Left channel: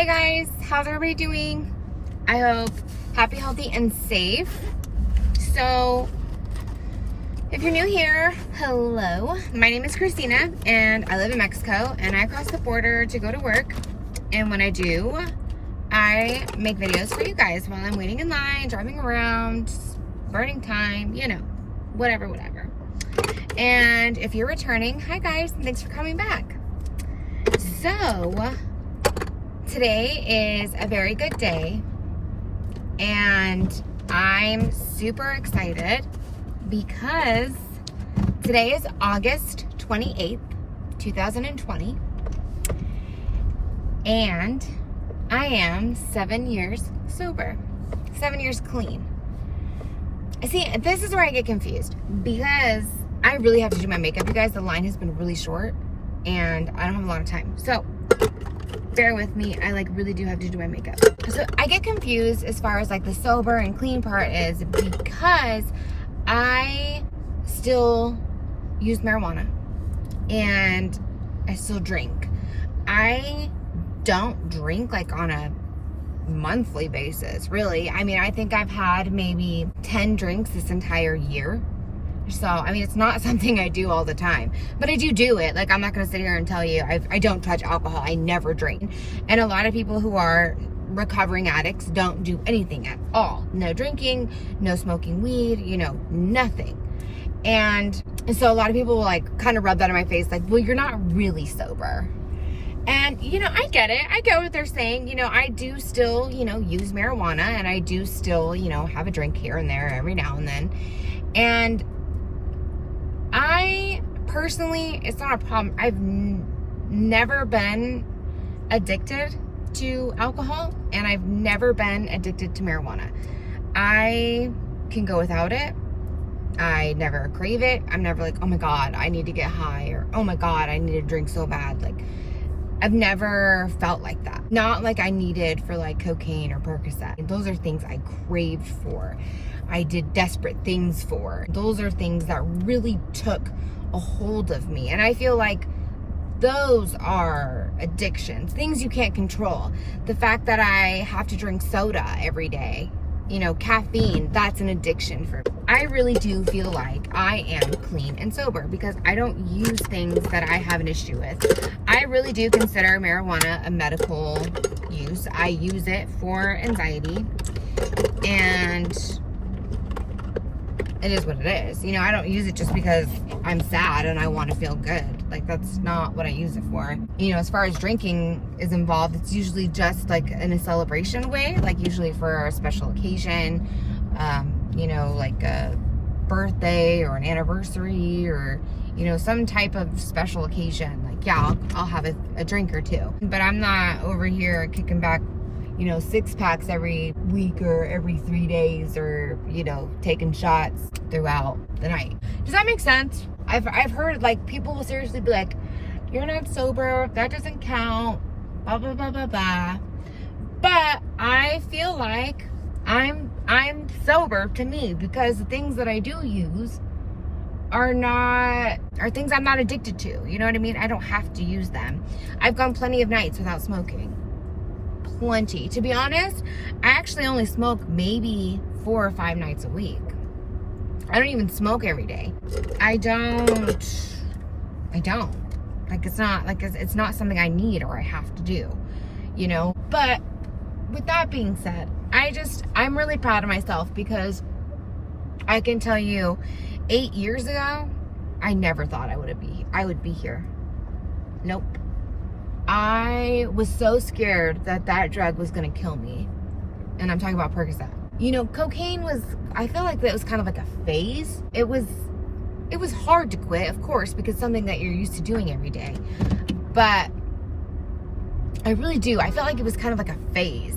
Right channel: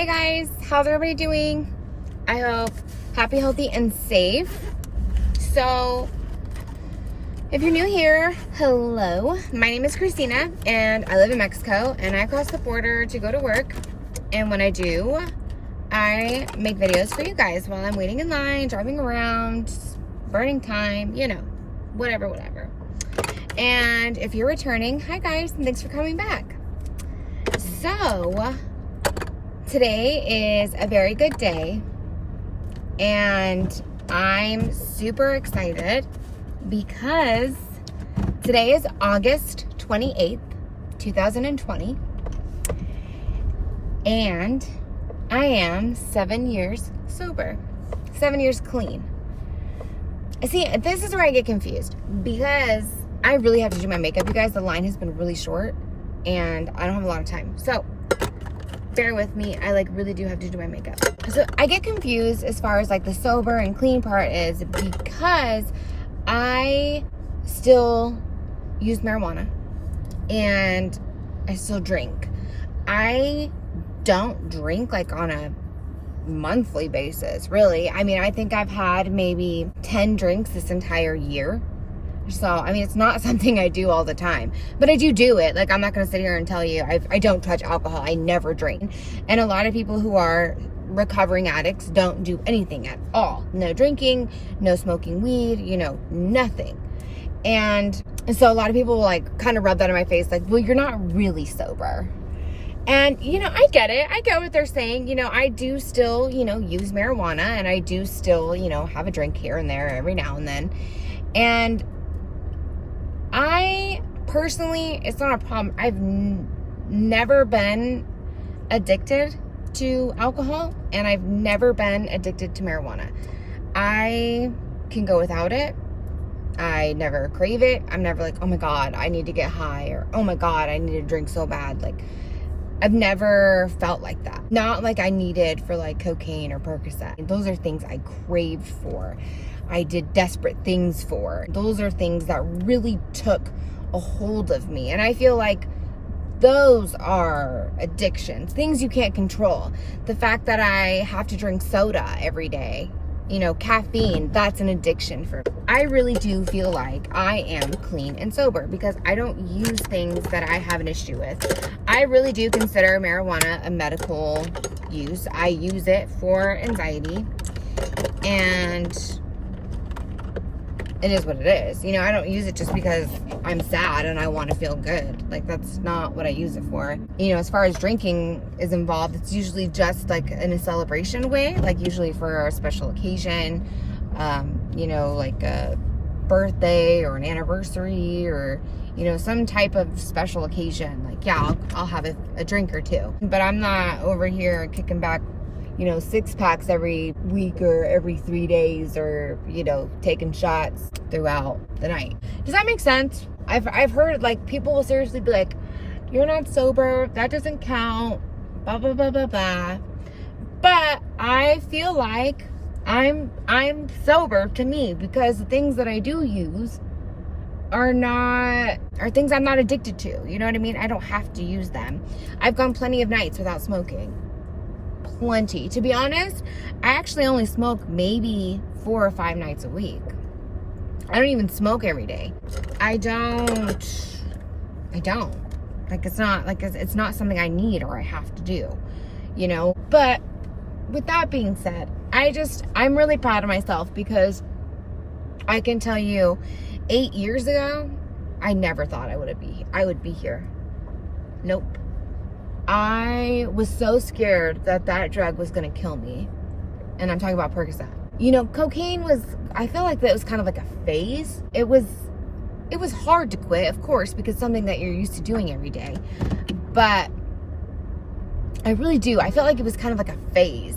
Hey guys, how's everybody doing? I hope happy, healthy, and safe. So, if you're new here, hello. My name is Christina, and I live in Mexico, and I cross the border to go to work. And when I do, I make videos for you guys while I'm waiting in line, driving around, burning time, you know, whatever. And if you're returning, hi guys, and thanks for coming back. So, today is a very good day, and I'm super excited because today is August 28th, 2020, and I am 7 years sober, 7 years clean. See, this is where I get confused because I really have to do my makeup, you guys. The line has been really short and I don't have a lot of time. So bear with me. I really do have to do my makeup. So I get confused as far as the sober and clean part is because I still use marijuana and I still drink. I don't drink on a monthly basis, really. I mean, I think I've had maybe 10 drinks this entire year. So, I mean, it's not something I do all the time, but I do it. I'm not going to sit here and tell you I don't touch alcohol. I never drink. And a lot of people who are recovering addicts don't do anything at all. No drinking, no smoking weed, nothing. And so a lot of people will kind of rub that in my face. Well, you're not really sober. And, I get it. I get what they're saying. I do still, use marijuana, and I do still, have a drink here and there every now and then. And I personally, it's not a problem. I've never been addicted to alcohol, and I've never been addicted to marijuana. I can go without it. I never crave it. I'm never oh my God, I need to get high, or oh my God, I need to drink so bad. I've never felt like that. Not like I needed for cocaine or Percocet. Those are things I craved for. I did desperate things for. Those are things that really took a hold of me. And I feel like those are addictions, things you can't control. The fact that I have to drink soda every day, caffeine, that's an addiction for me. I really do feel like I am clean and sober because I don't use things that I have an issue with. I really do consider marijuana a medical use. I use it for anxiety, and it is what it is. I don't use it just because I'm sad and I want to feel good. That's not what I use it for. As far as drinking is involved, it's usually just in a celebration way, usually for a special occasion, like a birthday or an anniversary or, some type of special occasion. I'll have a drink or two. But I'm not over here kicking back 6 packs every week or every 3 days, or, taking shots throughout the night. Does that make sense? I've heard people will seriously be you're not sober, that doesn't count, blah, blah, blah, blah, blah. But I feel like I'm sober to me because the things that I do use are things I'm not addicted to. You know what I mean? I don't have to use them. I've gone plenty of nights without smoking. Plenty. To be honest, I actually only smoke maybe 4 or 5 nights a week. I don't even smoke every day. I don't. It's not something I need or I have to do, But with that being said, I'm really proud of myself because I can tell you 8 years ago, I never thought I would be here. Nope. I was so scared that drug was going to kill me. And I'm talking about Percocet. Cocaine I feel like that was kind of a phase. It was hard to quit, of course, because it's something that you're used to doing every day. But I really do. I felt like it was kind of a phase,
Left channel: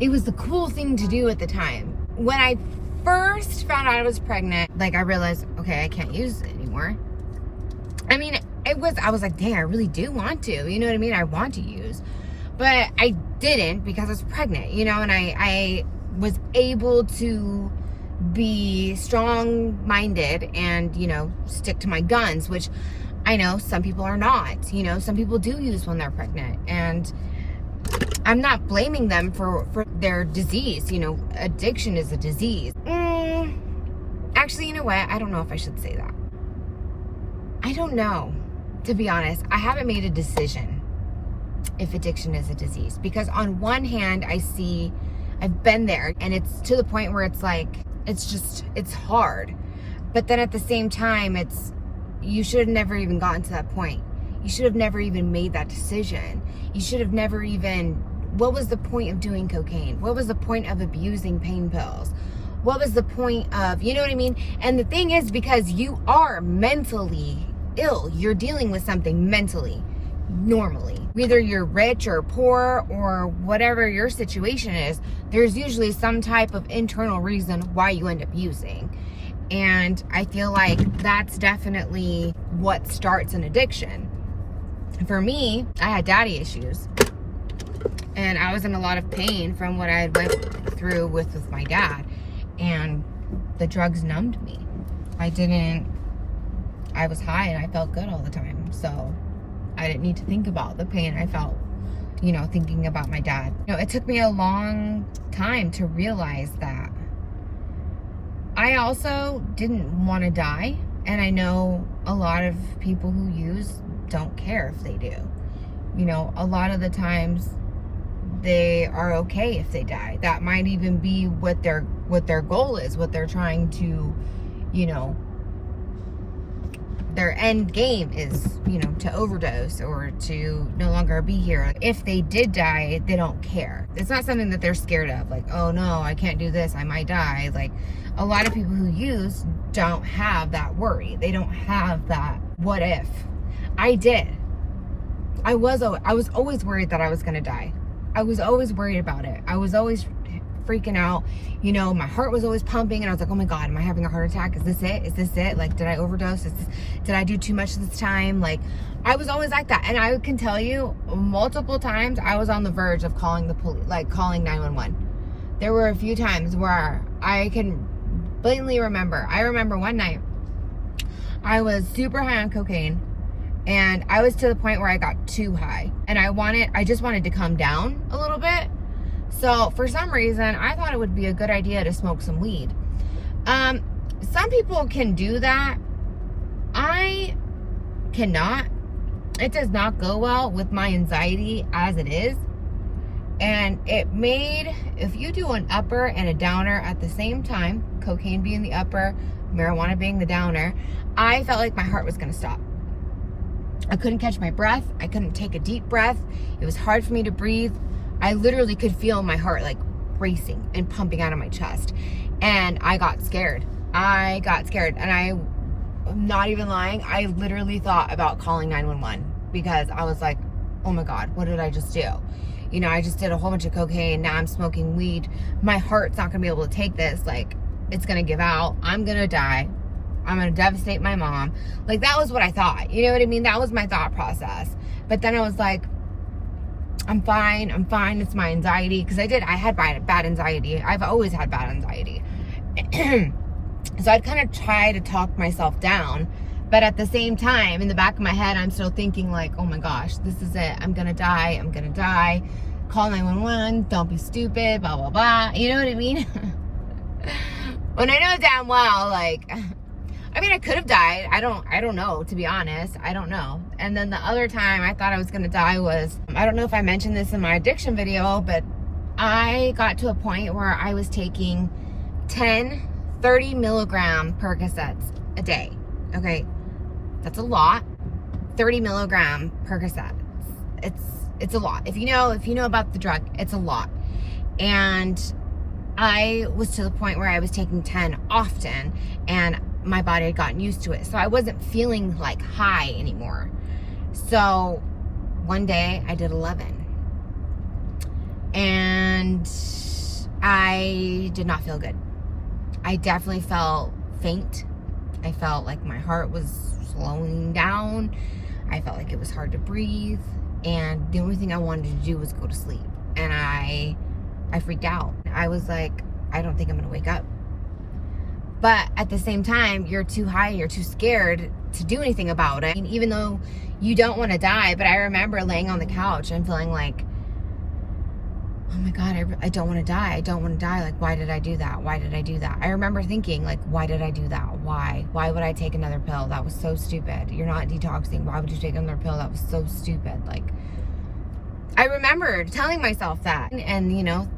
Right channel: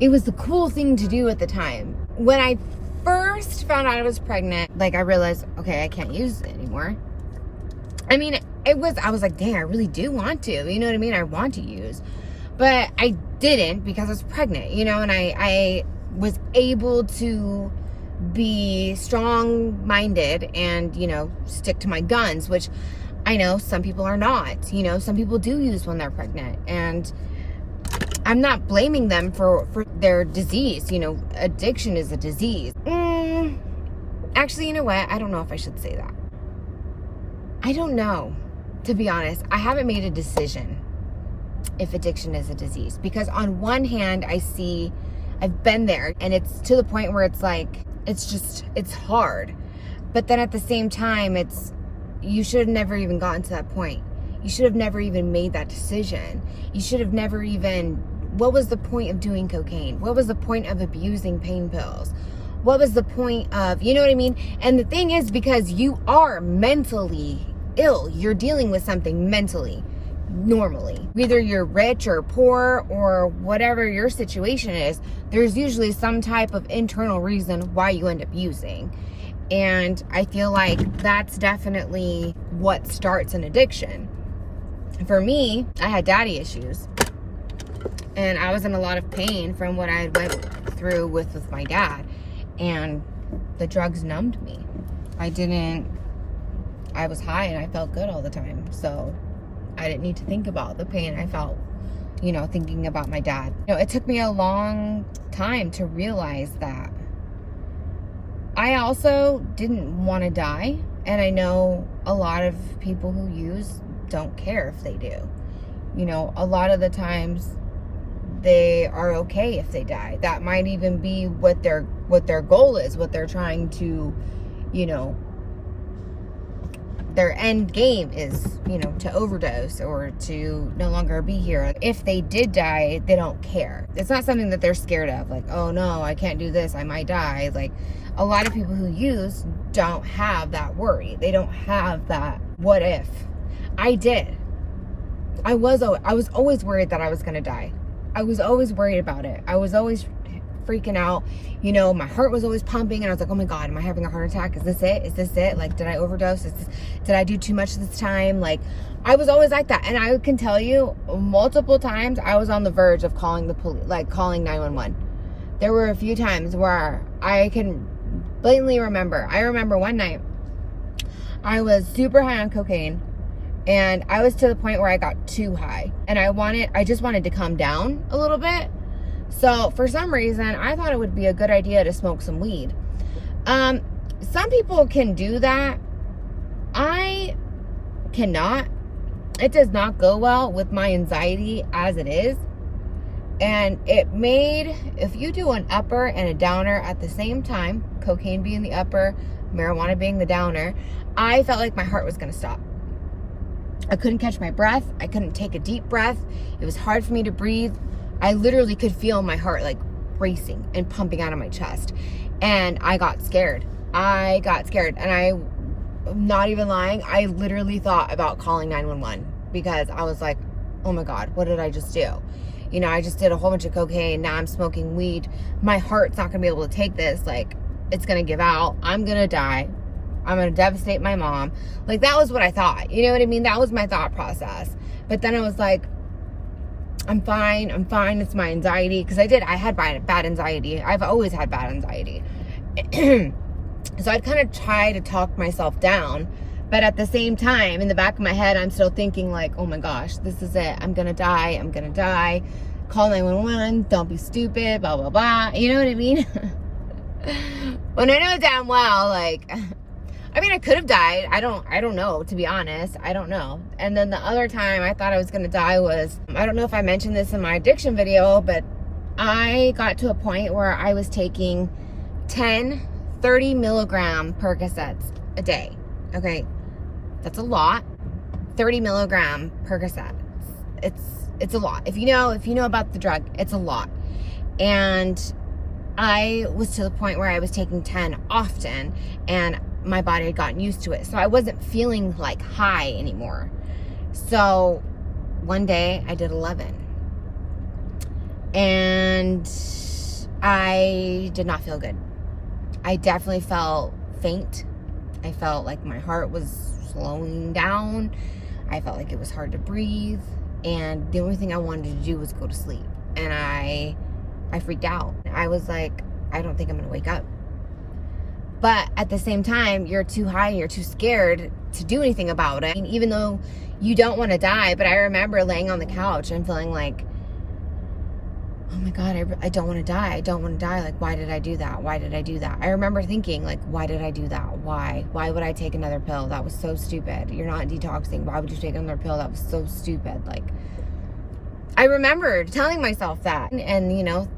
it was the cool thing to do at the time. When I first found out I was pregnant, I realized, okay, I can't use it anymore. I mean, I was dang, I really do want to, you know what I mean? I want to use, but I didn't because I was pregnant, and I was able to be strong-minded and, stick to my guns, which I know some people are not. You know, some people do use when they're pregnant. And I'm not blaming them for their disease. You know, addiction is a disease. Actually, you know what? I don't know if I should say that. I don't know. To be honest, I haven't made a decision if addiction is a disease. Because on one hand, I've been there, and it's to the point where it's like, it's hard. But then at the same time, you should have never even gotten to that point. You should have never even made that decision. You should have never even, what was the point of doing cocaine? What was the point of abusing pain pills? What was the point of, you know what I mean? And the thing is, because you are mentally ill, you're dealing with something mentally, normally. Whether you're rich or poor or whatever your situation is, there's usually some type of internal reason why you end up using. And I feel like that's definitely what starts an addiction. For me, I had daddy issues. And I was in a lot of pain from what I went through with my dad. And the drugs numbed me. I was high and I felt good all the time. So I didn't need to think about the pain I felt, you know, thinking about my dad. You know, it took me a long time to realize that. I also didn't want to die. And I know a lot of people who use don't care if they do. You know, a lot of the times they are okay if they die. That might even be what their goal is, what they're trying to, you know, their end game is, you know, to overdose or to no longer be here. If they did die, they don't care. It's not something that they're scared of. Like, oh no, I can't do this, I might die. Like, a lot of people who use don't have that worry. They don't have that what if. I did. I was always worried that I was gonna die. I was always worried about it. I was always freaking out. You know, my heart was always pumping and I was like, oh my God, am I having a heart attack? Is this it? Is this it? Like, did I overdose? Did I do too much this time? Like, I was always like that. And I can tell you multiple times I was on the verge of calling the police, like calling 911. There were a few times where I can blatantly remember. I remember one night I was super high on cocaine. And I was to the point where I got too high. And I just wanted to calm down a little bit. So for some reason, I thought it would be a good idea to smoke some weed. Some people can do that. I cannot. It does not go well with my anxiety as it is. And if you do an upper and a downer at the same time, cocaine being the upper, marijuana being the downer, I felt like my heart was going to stop. I couldn't catch my breath. I couldn't take a deep breath. It was hard for me to breathe. I literally could feel my heart like racing and pumping out of my chest. And I got scared. And I'm not even lying. I literally thought about calling 911 because I was like, oh my God, what did I just do? You know, I just did a whole bunch of cocaine. Now I'm smoking weed. My heart's not going to be able to take this. Like, it's going to give out. I'm going to die. I'm going to devastate my mom. Like, that was what I thought. You know what I mean? That was my thought process. But then I was like, I'm fine. It's my anxiety. Because I had bad anxiety. I've always had bad anxiety. So I'd kind of try to talk myself down. But at the same time, in the back of my head, I'm still thinking like, oh my gosh, this is it. I'm going to die. Call 911. Don't be stupid. Blah, blah, blah. You know what I mean? When I know damn well, like... I mean, I could have died. I don't know, to be honest. I don't know. And then the other time I thought I was going to die was, I don't know if I mentioned this in my addiction video, but I got to a point where I was taking 10 30 milligram Percocets a day. Okay. That's a lot. 30 milligram Percocets. It's a lot. If you know about the drug, it's a lot. And I was to the point where I was taking 10 often, and my body had gotten used to it. So I wasn't feeling like high anymore. So one day I did 11. And I did not feel good. I definitely felt faint. I felt like my heart was slowing down. I felt like it was hard to breathe. And the only thing I wanted to do was go to sleep. And I freaked out. I was like, I don't think I'm going to wake up. But at the same time, you're too high and you're too scared to do anything about it. I mean, even though you don't want to die, but I remember laying on the couch and feeling like, oh my God, I don't want to die. I don't want to die. Like, why did I do that? Why did I do that? I remember thinking, like, why did I do that? Why? Why would I take another pill? That was so stupid. You're not detoxing. Why would you take another pill? That was so stupid. Like, I remember telling myself that. And, you know,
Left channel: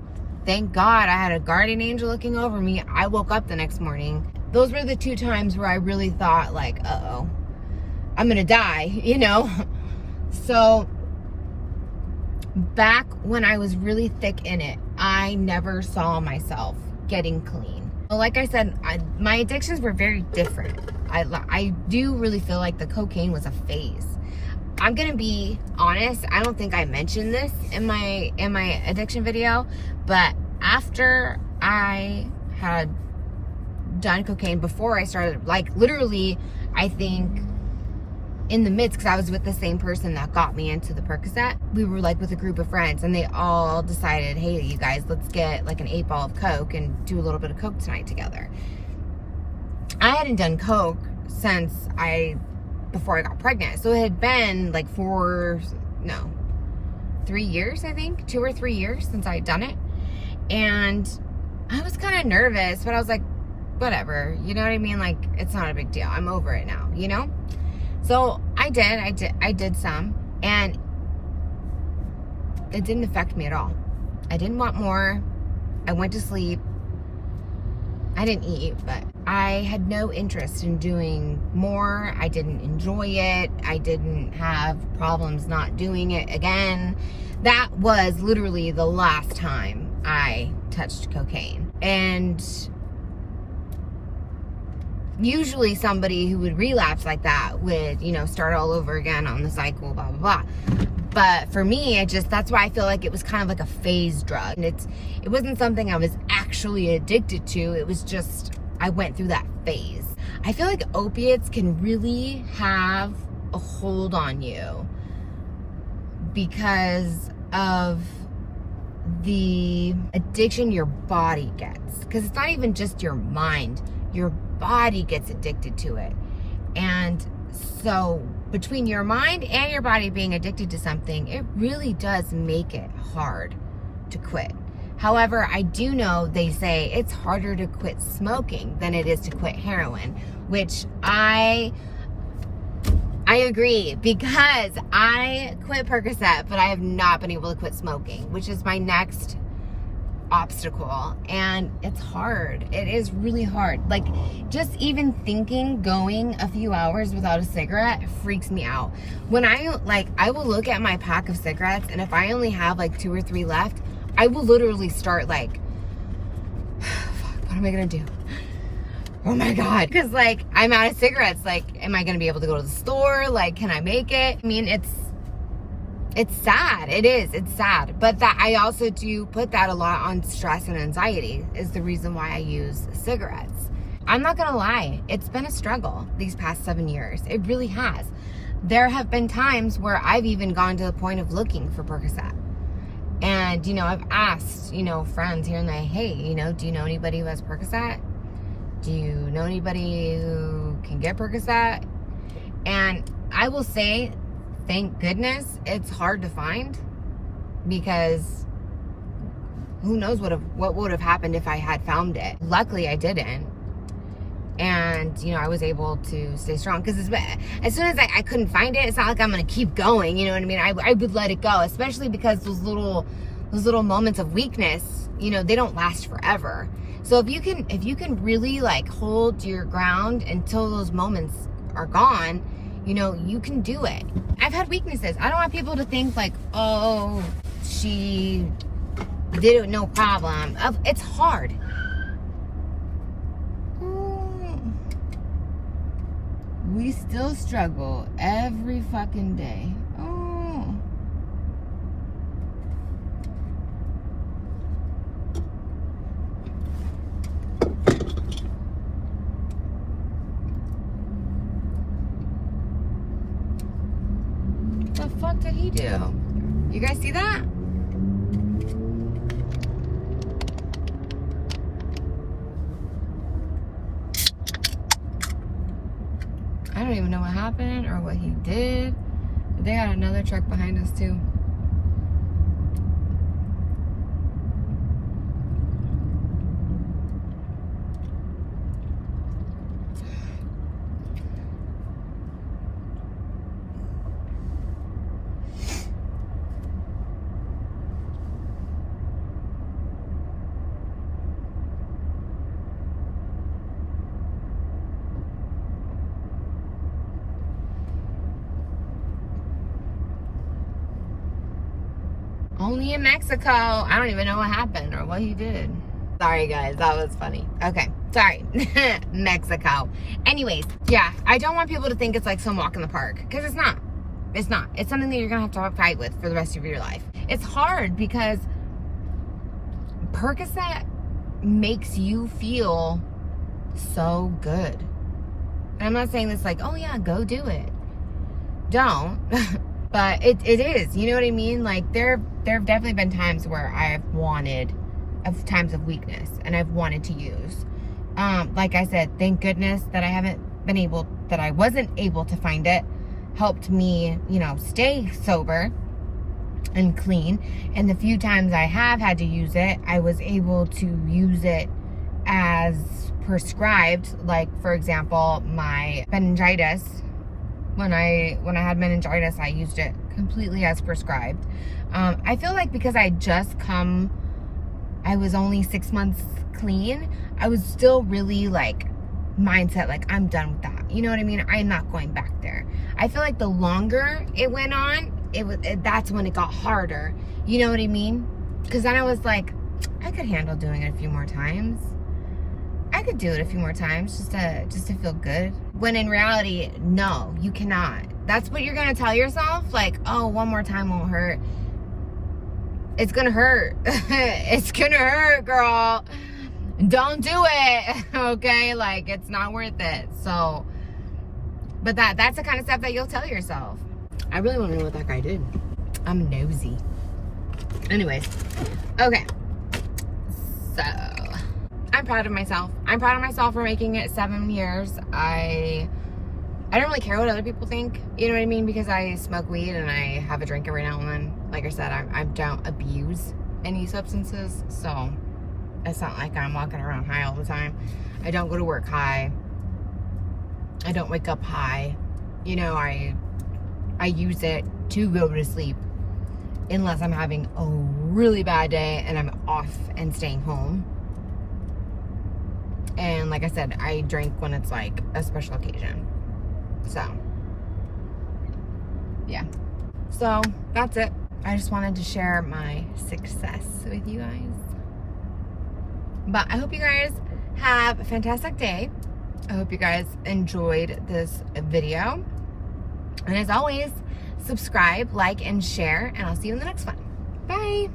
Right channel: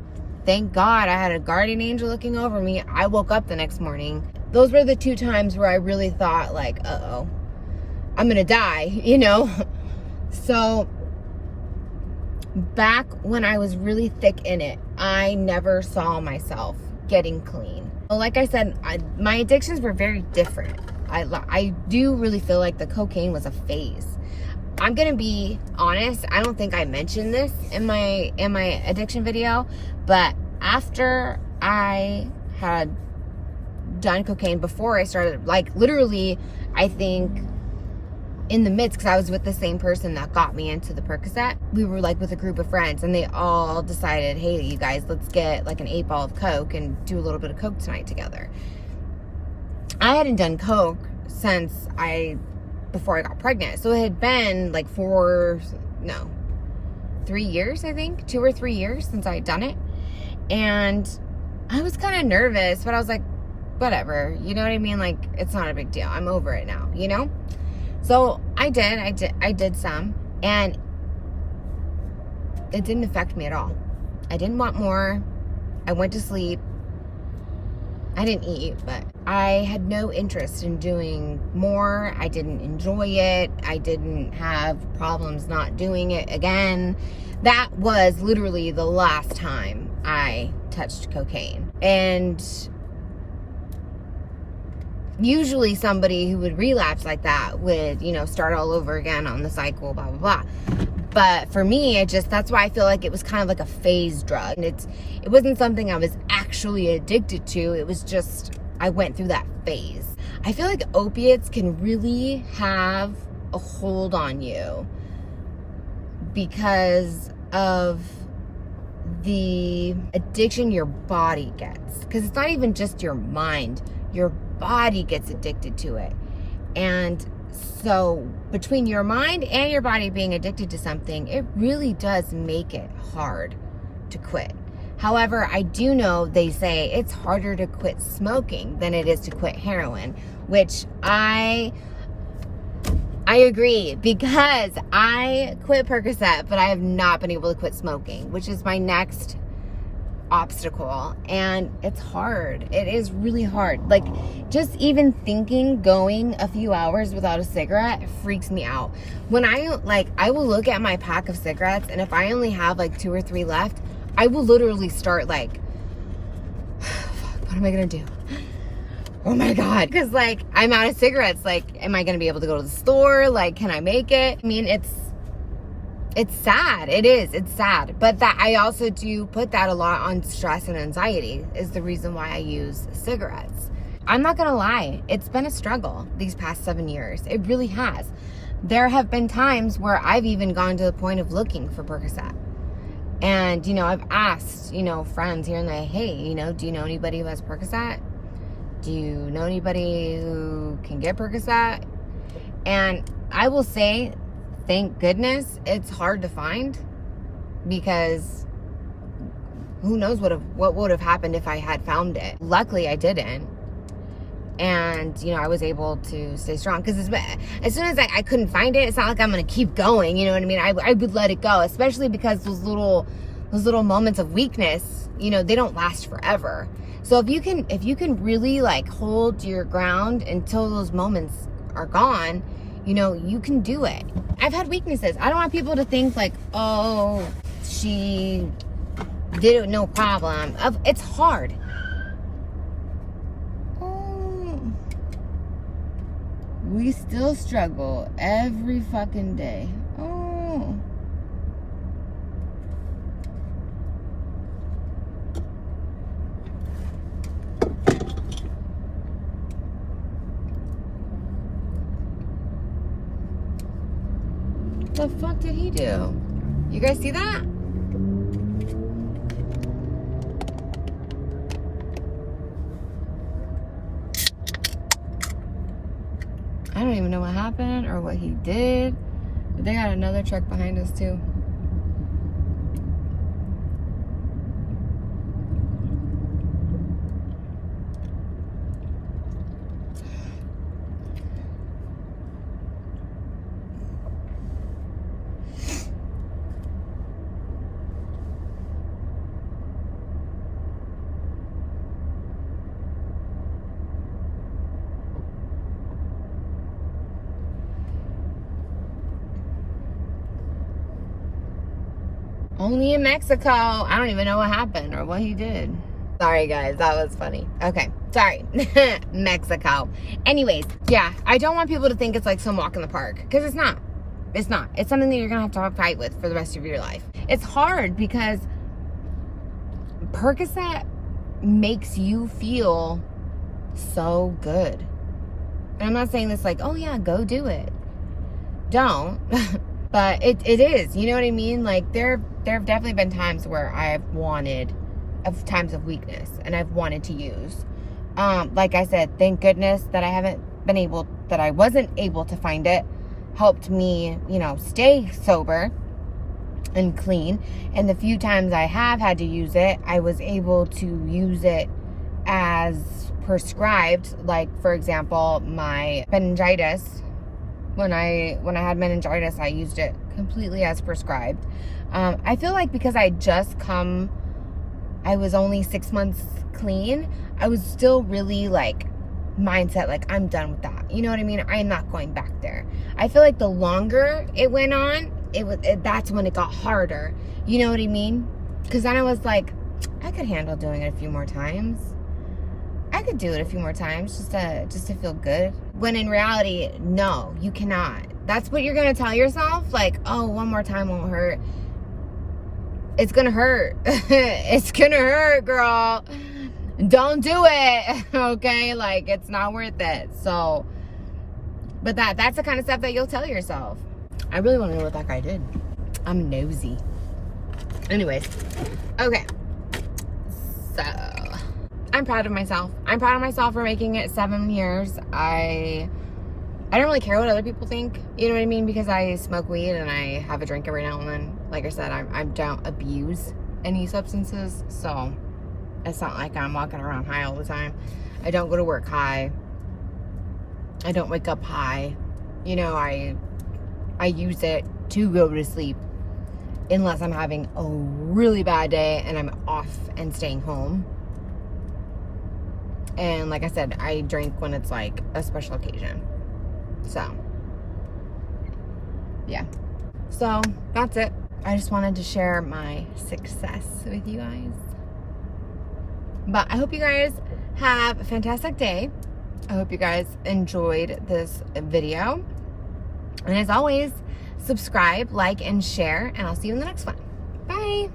thank God I had a guardian angel looking over me. I woke up the next morning. Those were the 2 times where I really thought, like, uh-oh, I'm going to die, you know? So back when I was really thick in it, I never saw myself getting clean. Well, like I said, my addictions were very different. I do really feel like the cocaine was a phase. I'm gonna be honest, I don't think I mentioned this in my addiction video, but after I had done cocaine, before I started, like literally, I think in the midst, because I was with the same person that got me into the Percocet. We were like with a group of friends, and they all decided, hey, you guys, let's get like an 8-ball of Coke and do a little bit of Coke tonight together. I hadn't done Coke since before I got pregnant. So it had been like 3 years, I think, 2 or 3 years since I had done it. And I was kind of nervous, but I was like, whatever, you know what I mean? Like, it's not a big deal. I'm over it now, you know? So I did some, and it didn't affect me at all. I didn't want more. I went to sleep. I didn't eat, but I had no interest in doing more. I didn't enjoy it. I didn't have problems not doing it again. That was literally the last time I touched cocaine. And usually somebody who would relapse like that would, you know, start all over again on the cycle, blah, blah, blah. But for me, that's why I feel like it was kind of like a phase drug. And it wasn't something I was actually addicted to. It was just, I went through that phase. I feel like opiates can really have a hold on you because of the addiction your body gets. Because it's not even just your mind. Your body gets addicted to it. And so between your mind and your body being addicted to something, it really does make it hard to quit. However, I do know they say it's harder to quit smoking than it is to quit heroin, which I agree, because I quit Percocet, but I have not been able to quit smoking, which is my next obstacle. And it's hard. It is really hard. Like, just even thinking going a few hours without a cigarette freaks me out. When I will look at my pack of cigarettes, and if I only have like 2 or 3 left, I will literally start like, what am I gonna do? Oh my God. Because like, I'm out of cigarettes. Like, am I gonna be able to go to the store? Like, can I make it? I mean, it's sad. It is. It's sad. But that I also do put that a lot on stress and anxiety is the reason why I use cigarettes. I'm not going to lie. It's been a struggle these past 7 years. It really has. There have been times where I've even gone to the point of looking for Percocet. And, you know, I've asked, you know, friends here and there, hey, you know, do you know anybody who has Percocet? Do you know anybody who can get Percocet? And I will say, thank goodness it's hard to find, because who knows what would have happened if I had found it. Luckily I didn't, and you know, I was able to stay strong, because as soon as I couldn't find it, it's not like I'm gonna keep going, you know what I mean? I would let it go, especially because those little moments of weakness, you know, they don't last forever. So if you can really like hold your ground until those moments are gone, you know, you can do it. I've had weaknesses. I don't want people to think like, oh, she did it, no problem. It's hard. Oh, we still struggle every fucking day. Oh. What the fuck did he do? You guys see that? I don't even know what happened or what he did. But they had another truck behind us too. Only in Mexico. I don't even know what happened or what he did. Sorry guys, that was funny. Okay, sorry. Mexico. Anyways, yeah, I don't want people to think it's like some walk in the park, because it's not. It's not. It's something that you're gonna have to fight with for the rest of your life. It's hard because Percocet makes you feel so good. And I'm not saying this like, oh yeah, go do it. Don't. But it is, you know what I mean? Like there have definitely been times where I've wanted, of times of weakness, and I've wanted to use. Like I said, thank goodness that I wasn't able to find it. Helped me, you know, stay sober and clean. And the few times I have had to use it, I was able to use it as prescribed. Like for example, my meningitis. When I had meningitis, I used it completely as prescribed. I feel like because I was only 6 months clean, I was still really like mindset, like I'm done with that. You know what I mean? I'm not going back there. I feel like the longer it went on, that's when it got harder. You know what I mean? Because then I was like, I could handle doing it a few more times. I could do it a few more times just to feel good. When in reality, no, you cannot. That's what you're gonna tell yourself. Like, oh, one more time won't hurt. It's gonna hurt. It's gonna hurt, girl. Don't do it. Okay? Like, it's not worth it. So, but that's the kind of stuff that you'll tell yourself. I really want to know what that guy did. I'm nosy. Anyways, okay. So I'm proud of myself. I'm proud of myself for making it 7 years. I don't really care what other people think. You know what I mean? Because I smoke weed and I have a drink every now and then. Like I said, I don't abuse any substances. So it's not like I'm walking around high all the time. I don't go to work high. I don't wake up high. You know, I use it to go to sleep. Unless I'm having a really bad day and I'm off and staying home. And like I said, I drink when it's like a special occasion. So, yeah. So, that's it. I just wanted to share my success with you guys. But I hope you guys have a fantastic day. I hope you guys enjoyed this video. And as always, subscribe, like, and share. And I'll see you in the next one. Bye.